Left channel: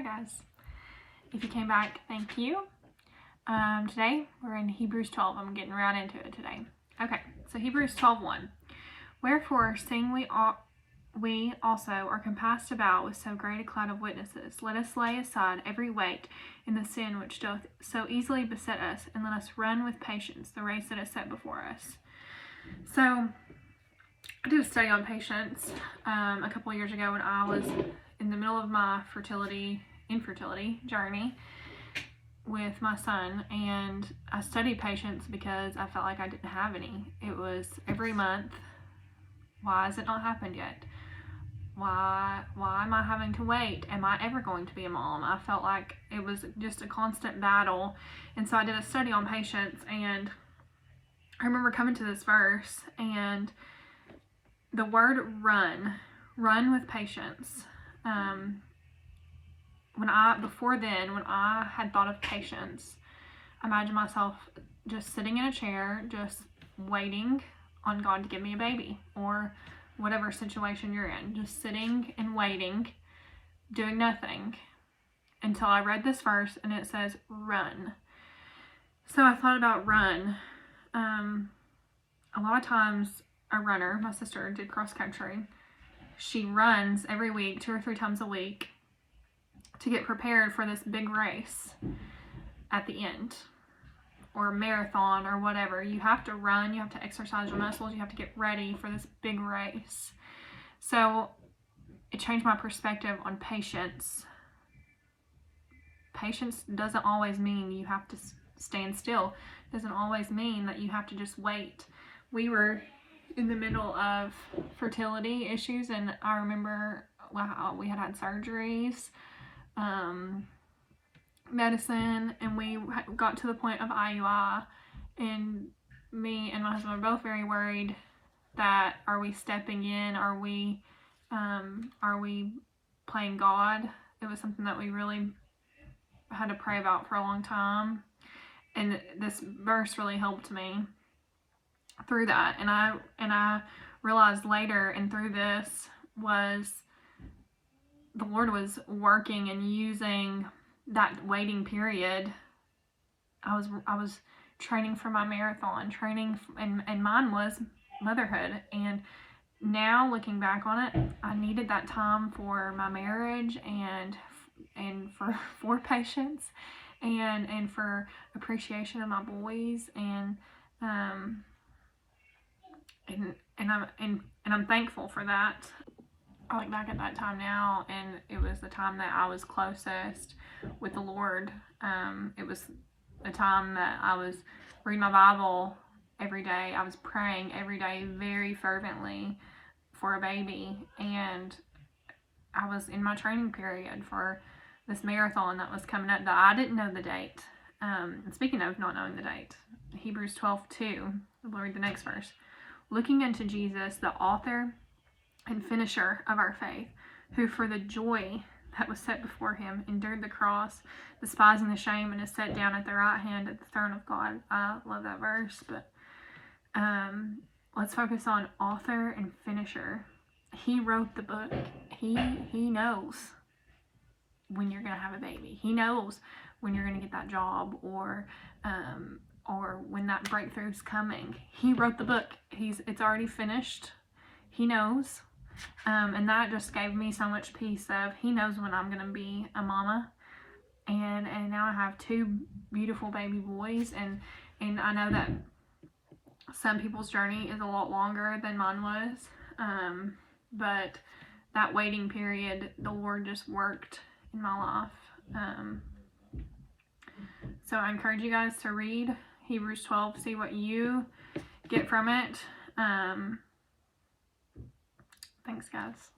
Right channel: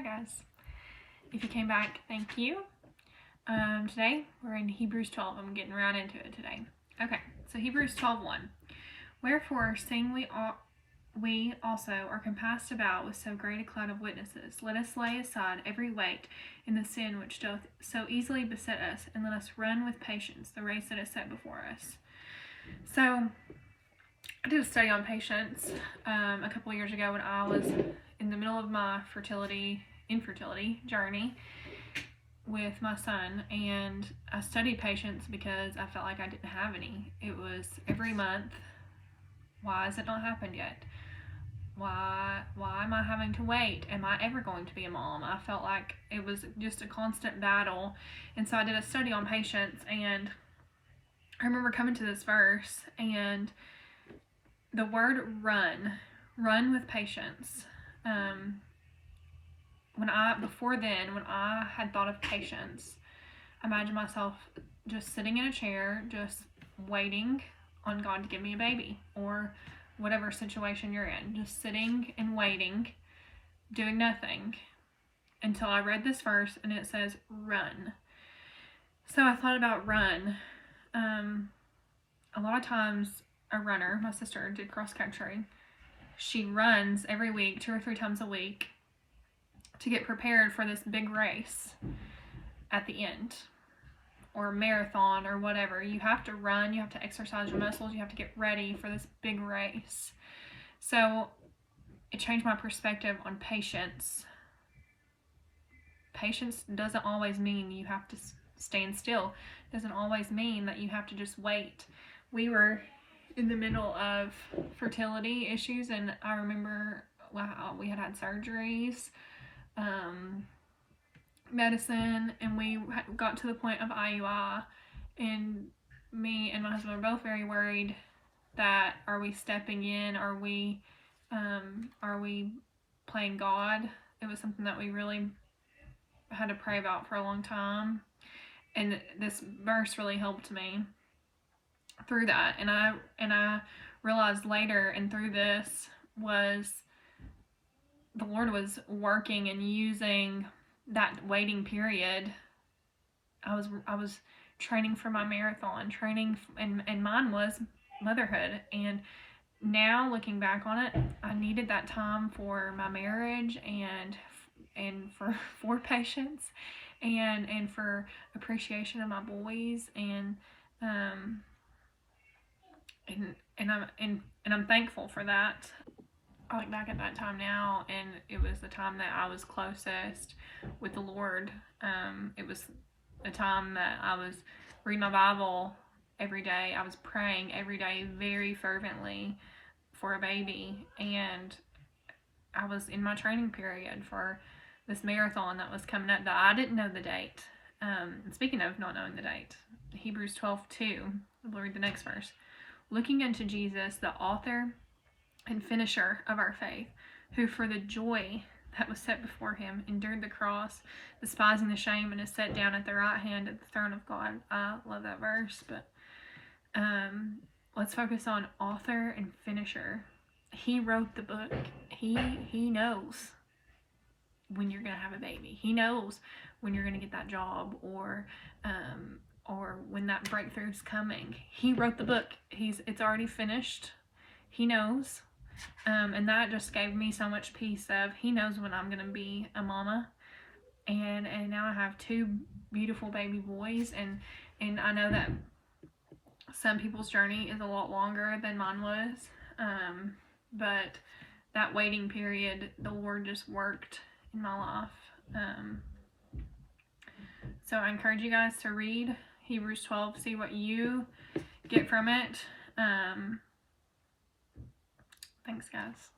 Hi guys. If you came back, thank you. Today we're in Hebrews 12. I'm getting right into it today. Okay, so Hebrews 12:1. Wherefore, seeing we also are compassed about with so great a cloud of witnesses, let us lay aside every weight and the sin which doth so easily beset us, and let us run with patience the race that is set before us. So I did a study on patience a couple of years ago when I was in the middle of my infertility journey with my son, and I studied patience because I felt like I didn't have any. It was every month. Why has it not happened yet? Why am I having to wait? Am I ever going to be a mom? I felt like it was just a constant battle. And so I did a study on patience, and I remember coming to this verse, and the word run with patience. When I had thought of patience, I imagined myself just sitting in a chair, just waiting on God to give me a baby, or whatever situation you're in, just sitting and waiting, doing nothing, until I read this verse and it says run. So I thought about run. A lot of times a runner, my sister did cross country, she runs every week, 2 or 3 times a week, to get prepared for this big race at the end, or a marathon or whatever. You have to run, you have to exercise your muscles, you have to get ready for this big race. So it changed my perspective on patience. Patience doesn't always mean you have to stand still. It doesn't always mean that you have to just wait. We were in the middle of fertility issues, and I remember we had surgeries, medicine, and we got to the point of IUI, and me and my husband were both very worried that, are we stepping in? Are we playing God? It was something that we really had to pray about for a long time, and this verse really helped me through that. And I realized later, and through this, was the Lord was working and using that waiting period. I was training for my marathon, and mine was motherhood. And now looking back on it, I needed that time for my marriage, and for patience, and for appreciation of my boys, and I'm thankful for that. I look back at that time now, and it was the time that I was closest with the Lord. It was a time that I was reading my Bible every day. I was praying every day very fervently for a baby, and I was in my training period for this marathon that was coming up that I didn't know the date. And speaking of not knowing the date, Hebrews 12:2, we'll read the next verse. Looking unto Jesus, the author and finisher of our faith, who for the joy that was set before him endured the cross, despising the shame, and is set down at the right hand of the throne of God. I love that verse, but let's focus on author and finisher. He wrote the book. He knows when you're going to have a baby. He knows when you're going to get that job, or when that breakthrough's coming. He wrote the book. It's already finished. He knows. And that just gave me so much peace of, he knows when I'm going to be a mama. And now I have 2 beautiful baby boys, and I know that some people's journey is a lot longer than mine was. But that waiting period, the Lord just worked in my life. So I encourage you guys to read Hebrews 12, see what you get from it. Thanks, guys.